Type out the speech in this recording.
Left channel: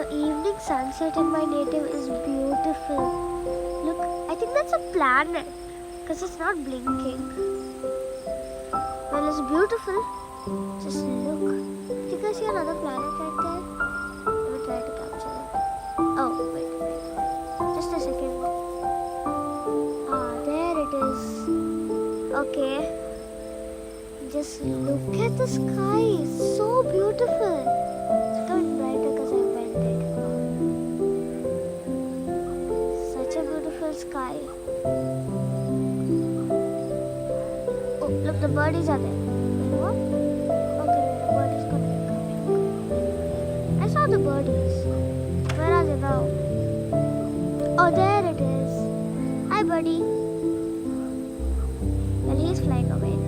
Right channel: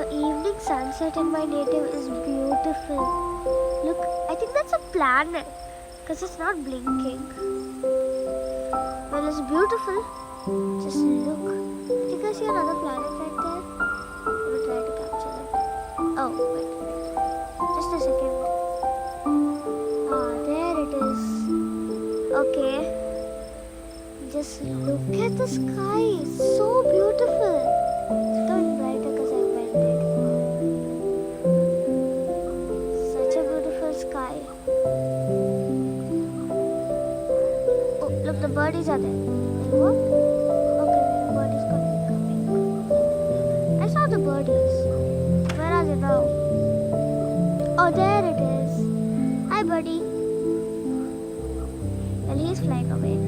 The evening sunset in my native is beautiful. Look, I think that's a planet because it's not blinking. Well, it's beautiful. Just look. I think I see another planet right there. Let me try to capture it. Oh, wait. Just a second. Ah, there it is. Okay. Just look at the sky. It's so beautiful. It's going brighter because I bent it. Such a beautiful sky. Oh, look, the birdies are there. Wait, what? Okay, the birdies coming. I saw the birdies. Where are they now? Oh, there it is. Hi, buddy. Well, he's flying away.